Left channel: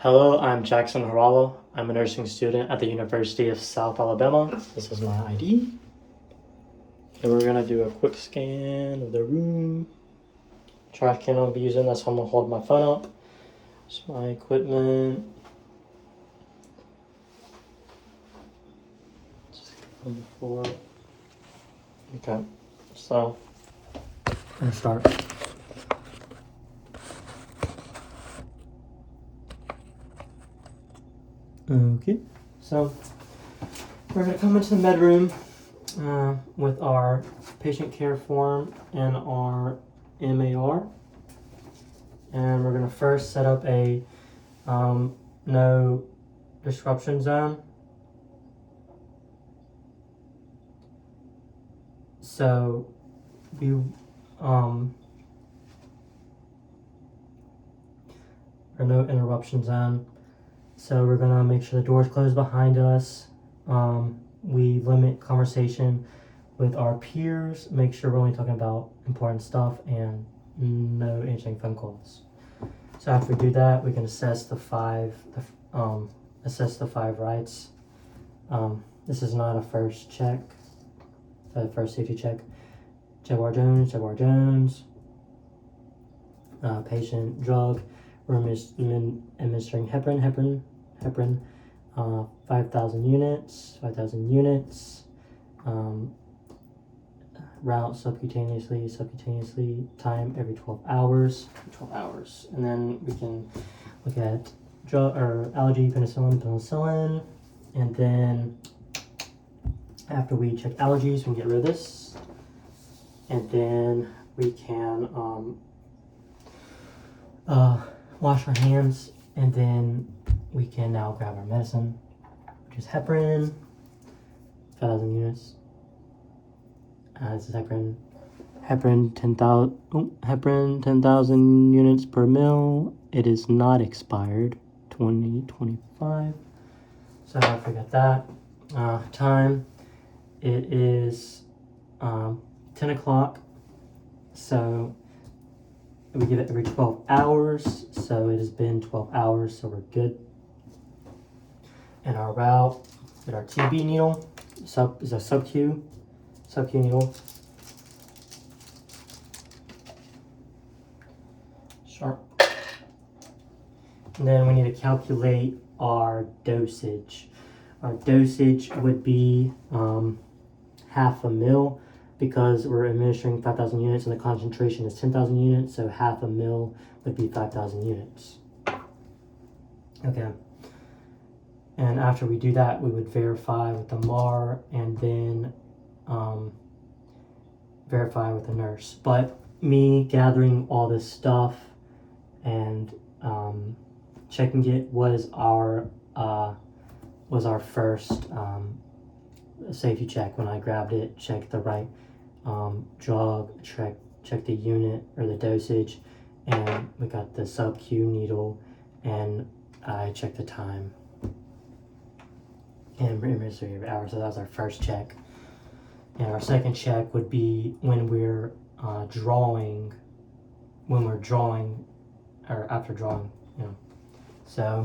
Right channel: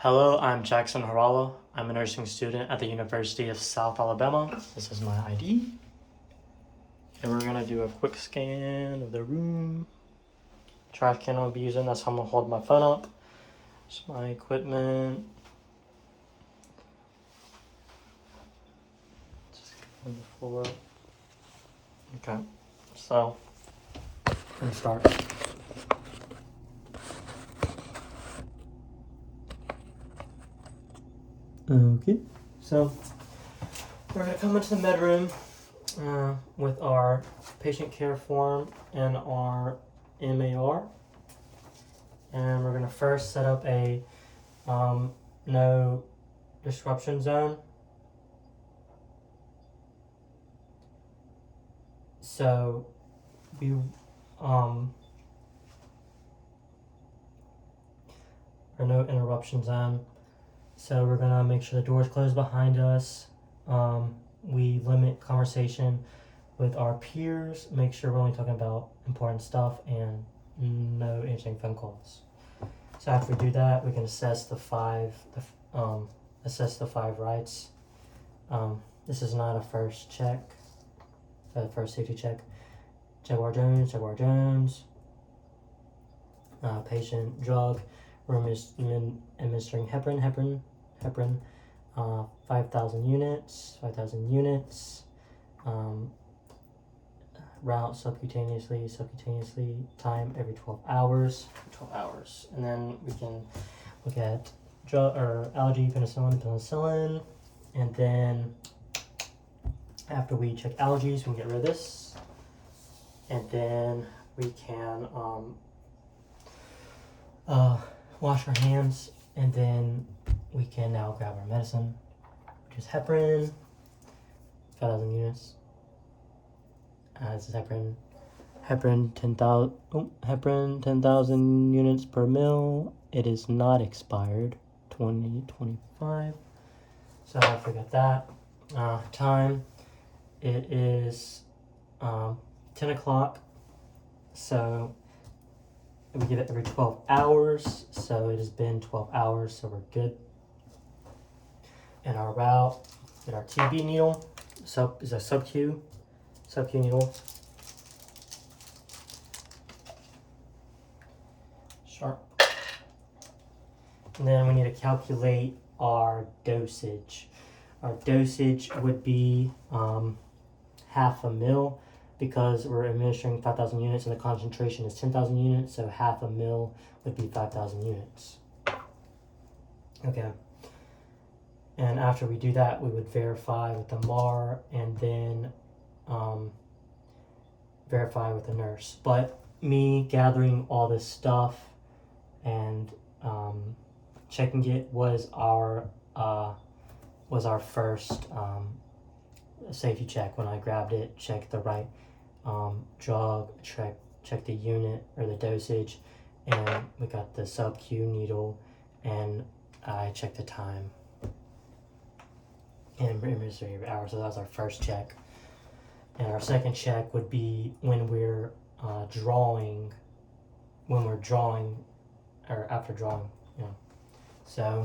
Hello, I'm Jackson Haarala. I'm a nursing student at the University of South Alabama. This is my ID. And we're gonna do a quick scan of the room. Trash can I'll be using, that's how I'm gonna hold my phone up. It's my equipment. Just go on the floor. Okay, so we're gonna start. Okay, so we're gonna come into the med room with our patient care form and our MAR, and we're gonna first set up a no disruption zone. So we or no interruption zone. So we're gonna make sure the doors close behind us. We limit conversation with our peers, make sure we're only talking about important stuff, and no answering phone calls. So after we do that, we can assess the five rights. This is not a first check, the first safety check. Jaguar Jones, patient drug. We're administering heparin, 5,000 units. Route subcutaneously, time every 12 hours. And then we can look at allergy, penicillin. And then after we check allergies, we can get rid of this. And then we can wash our hands, and then we can now grab our medicine, which is heparin, 5,000 units. This is heparin 10,000 units per mil. It is not expired, 2025. So I forget that. Time, it is 10 o'clock. So we give it every 12 hours. So it has been 12 hours, so we're good. And our route, and our TB needle, is a sub-Q needle. Sharp. And then we need to calculate our dosage. Our dosage would be half a mil, because we're administering 5,000 units and the concentration is 10,000 units, so half a mil would be 5,000 units. Okay. And after we do that, we would verify with the MAR and then verify with the nurse. But me gathering all this stuff and checking it was our first safety check. When I grabbed it, checked the right drug, checked the unit or the dosage, and we got the sub-Q needle, and I checked the time and administered every hour. So that was our first check. And our second check would be when we're drawing, or after drawing, So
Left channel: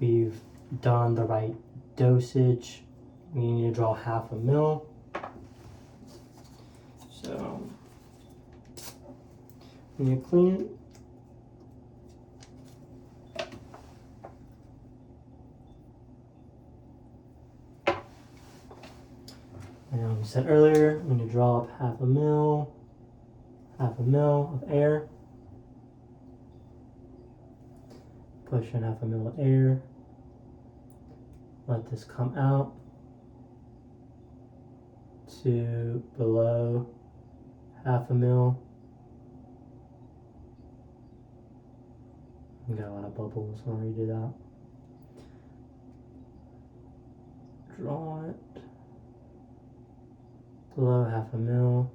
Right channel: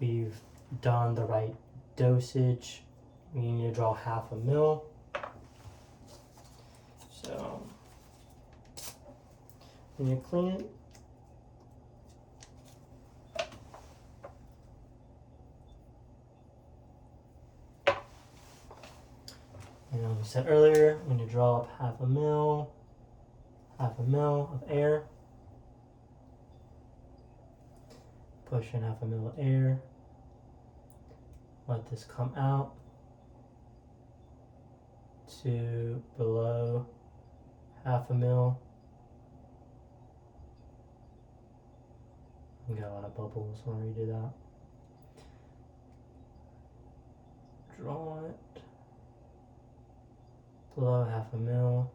we've done the right dosage. We need to draw half a mil. So we need to clean it. And we said earlier, we need to draw up half a mil of air. Push in half a mil of air. Let this come out to below half a mil. We got a lot of bubbles when we do that. Draw it below half a mil.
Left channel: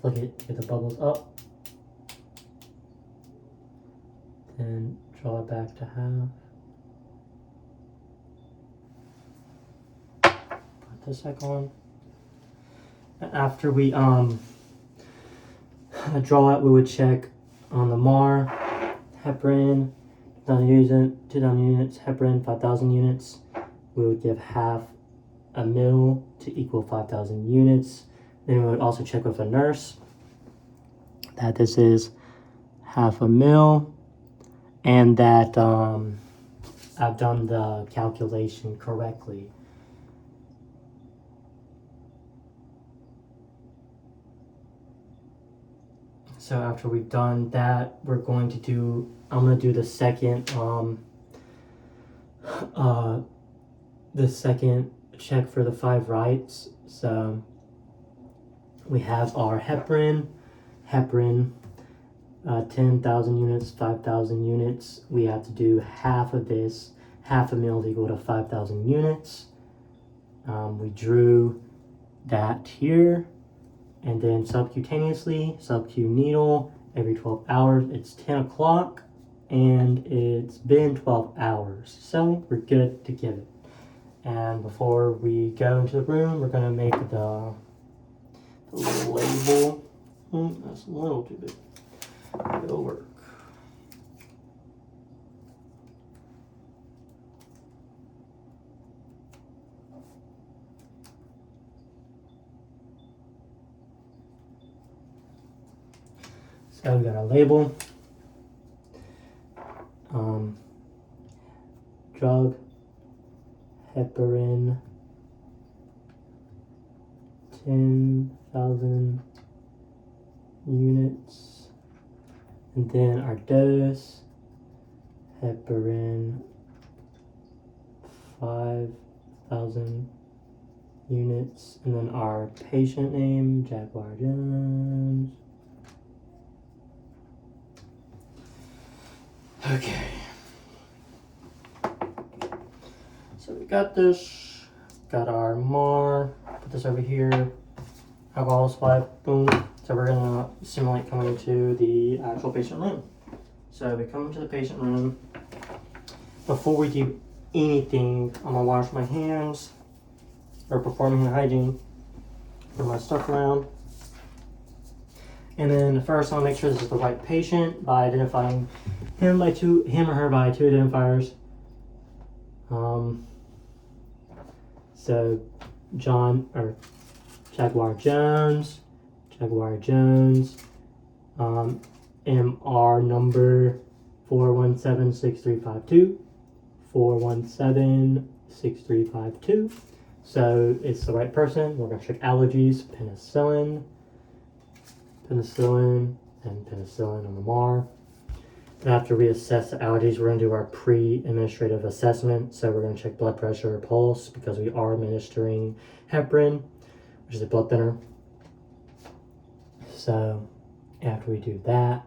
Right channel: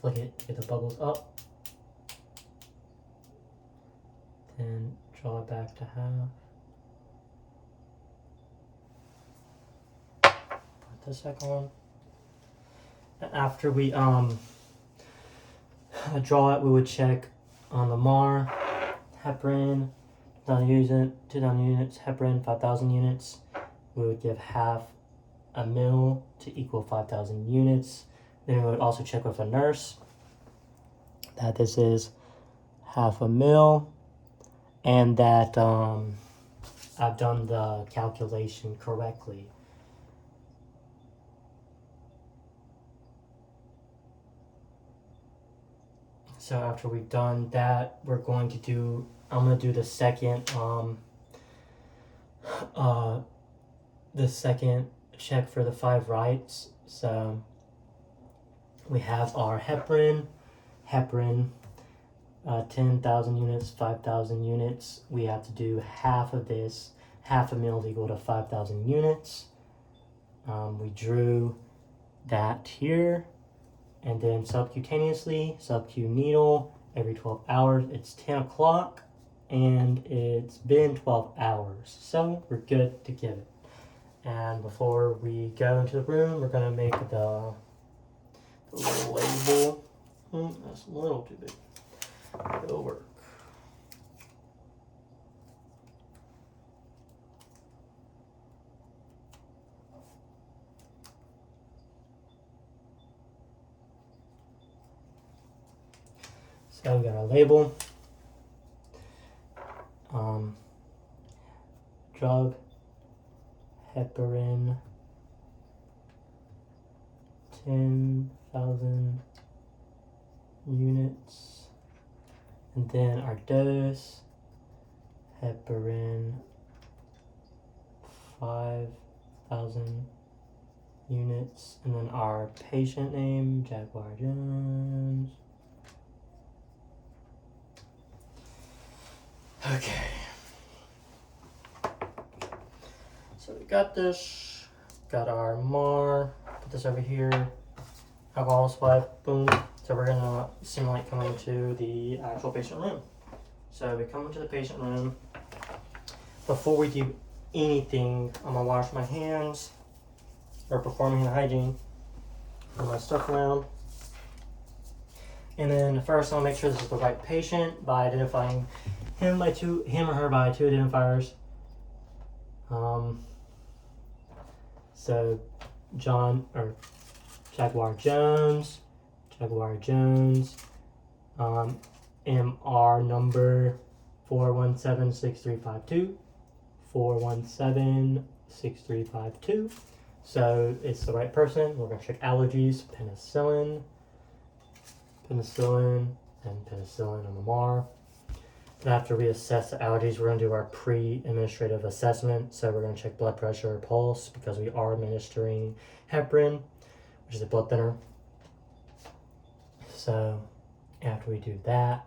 Flick it, get the bubbles up. Then draw it back to half. Put this back on. After we draw out, we would check on the MAR, heparin, 2,000 units, heparin, 5,000 units. We would give half a mil to equal 5,000 units. Then we would also check with a nurse that this is half a mil and that I've done the calculation correctly. So after we've done that, I'm going to do the second check for the 5 rights. So we have our heparin, 10,000 units, 5,000 units. We have to do half of this, half a mil equal to 5,000 units. We drew that here, and then subcutaneously, sub-Q needle every 12 hours. It's 10 o'clock, and it's been 12 hours, so we're good to give it. And before we go into the room, we're gonna make the little label. That's a little too big. It'll work. So we got our label. Drug, heparin, 10,000 units, and then our dose, heparin, 5,000 units, and then our patient name, Jaguar Jones. Okay. So we got this, got our MAR, put this over here, alcohol supply, boom. So we're gonna simulate coming into the actual patient room. So we come into the patient room. Before we do anything, I'm gonna wash my hands, or perform hand hygiene, put my stuff around. And then first I'll make sure this is the right patient by identifying him or her by 2 identifiers. So John or Jaguar Jones, MR number 4176352, 4176352. So it's the right person. We're gonna check allergies, penicillin, and penicillin on the MAR. After we assess the allergies, we're going to do our pre-administrative assessment. So we're going to check blood pressure or pulse because we are administering heparin, which is a blood thinner. So after we do that,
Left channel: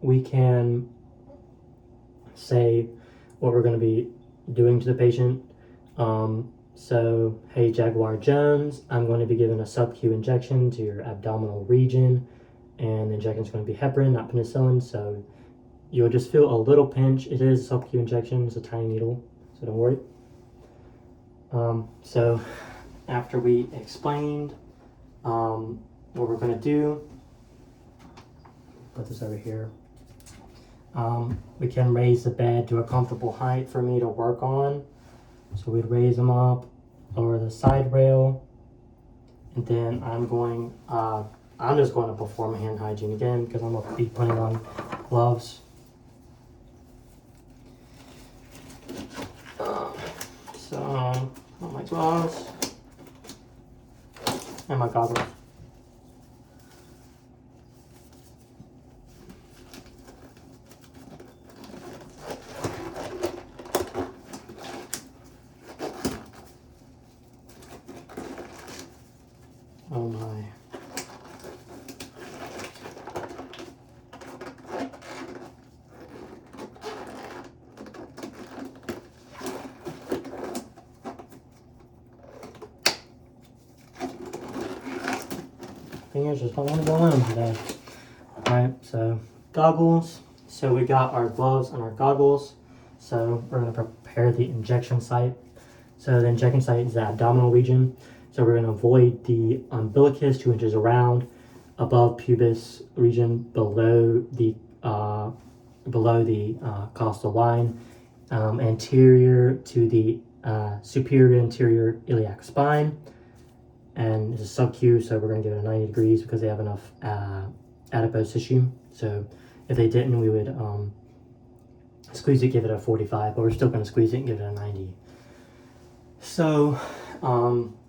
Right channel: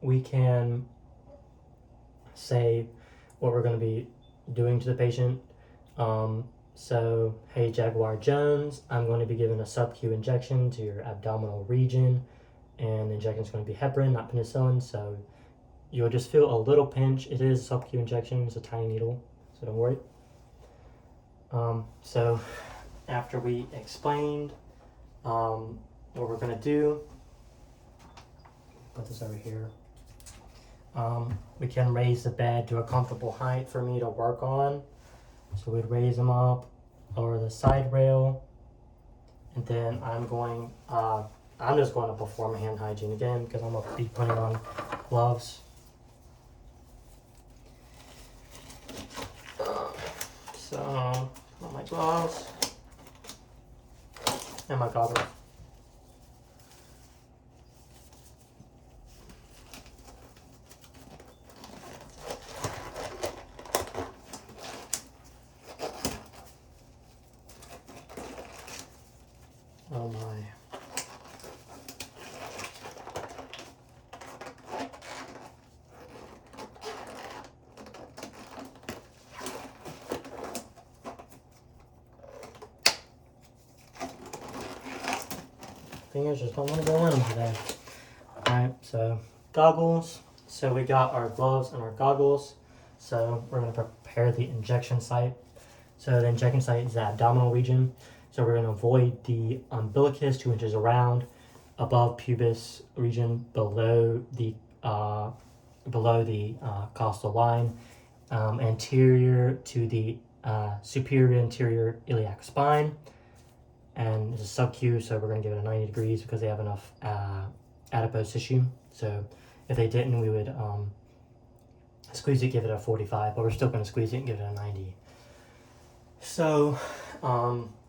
we can say what we're going to be doing to the patient. So, hey Jaguar Jones, I'm going to be giving a sub-Q injection to your abdominal region, and the injection is going to be heparin, not penicillin, so you'll just feel a little pinch. It is a sub-Q injection, it's a tiny needle, so don't worry. So after we explained what we're going to do, put this over here, we can raise the bed to a comfortable height for me to work on. So we'd raise them up, lower the side rail, and then I'm just going to perform hand hygiene again because I'm going to be putting on gloves. So put my gloves and my goggles. Oh my. Fingers just don't want to go in today. Alright, so goggles. So we got our gloves and our goggles. So we're going to prepare the injection site. So the injection site is the abdominal region. So we're going to avoid the umbilicus 2 inches around, above pubis region, below the costal line, anterior to the superior anterior iliac spine. And it's a sub-Q, so we're going to give it a 90 degrees because they have enough adipose tissue. So if they didn't, we would squeeze it, give it a 45, but we're still going to squeeze it and give it a 90. So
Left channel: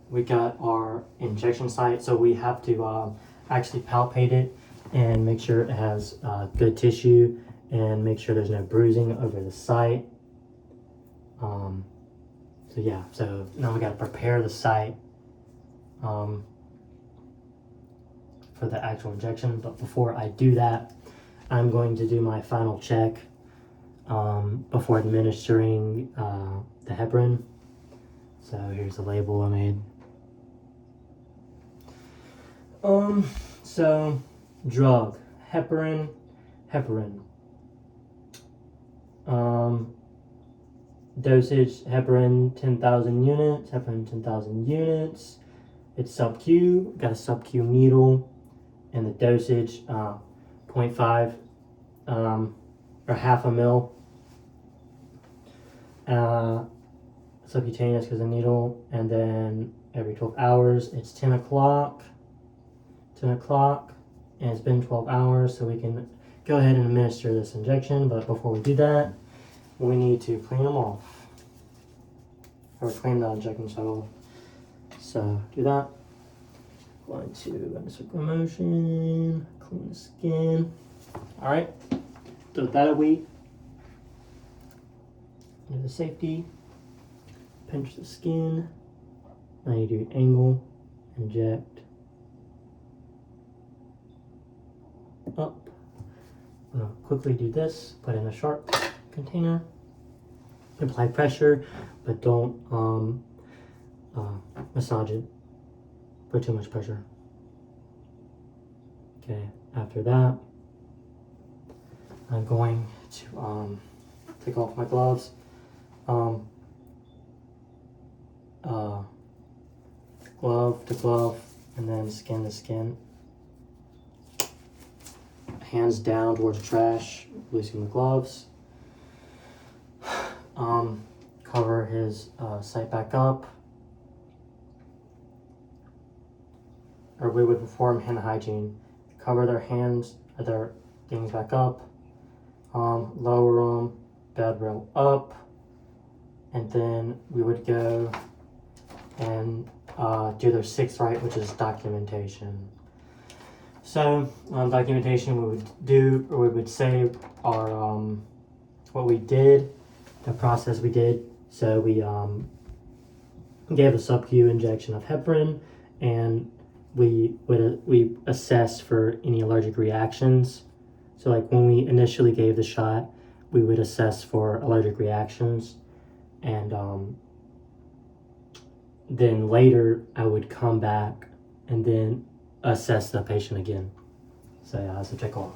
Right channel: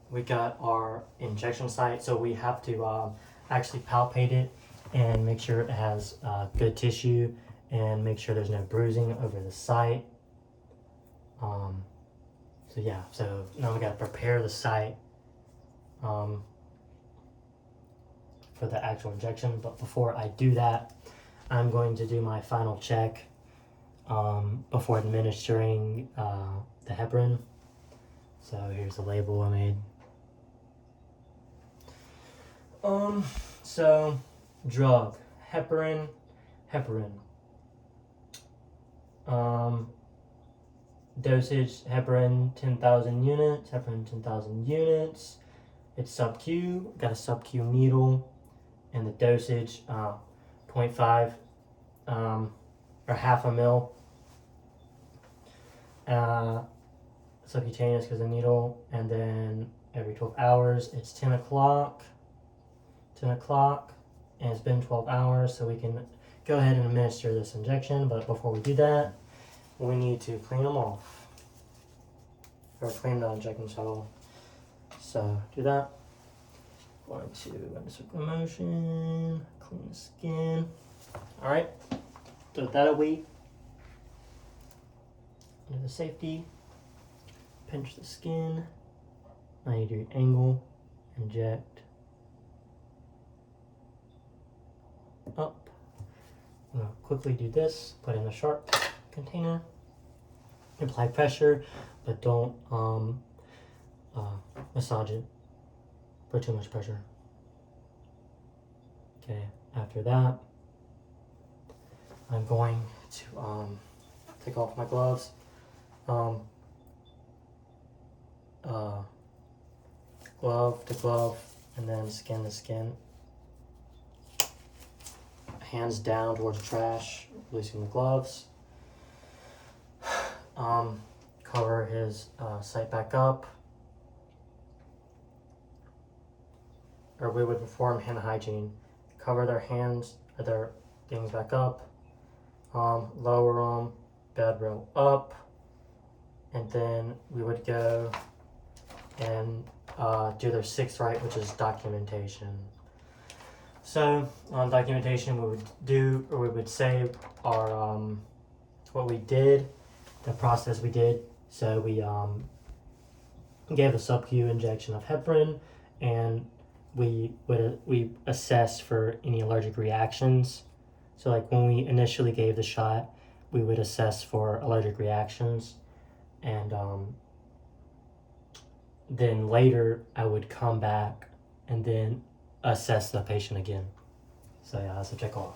we got our injection site, so we have to actually palpate it and make sure it has good tissue and make sure there's no bruising over the site. So yeah, so now we got to prepare the site for the actual injection. But before I do that, I'm going to do my final check before administering the heparin. So here's the label I made. So drug, heparin. Dosage, heparin 10,000 units. It's sub-Q, got a sub-Q needle, and the dosage 0.5 or half a mil. Subcutaneous because the needle, and then every 12 hours. It's 10 o'clock, and it's been 12 hours, so we can go ahead and administer this injection. But before we do that, we need to clean them off, or clean the injection site off. So do that. Going to go into circular motion, clean the skin. All right, so with that a week, into the safety, pinch the skin, 90-degree angle, inject, up. I'm gonna quickly do this, put in a sharp container, apply pressure, but don't massage it, put too much pressure. Okay, after that, I'm going to take off my gloves. Glove to glove, and then skin to skin. Hands down towards the trash, releasing the gloves. Cover his site back up. Or we would perform hand hygiene. Cover their hands, their things back up. Lower them, bed rail up. And then we would go and do their 6th rite, which is documentation. So documentation, we would do, or we would say our what we did, the process we did. So we gave a sub-Q injection of heparin, and we assessed for any allergic reactions. So like when we initially gave the shot, we would assess for allergic reactions, and then later I would come back and then assess the patient again. So yeah, that's a check off.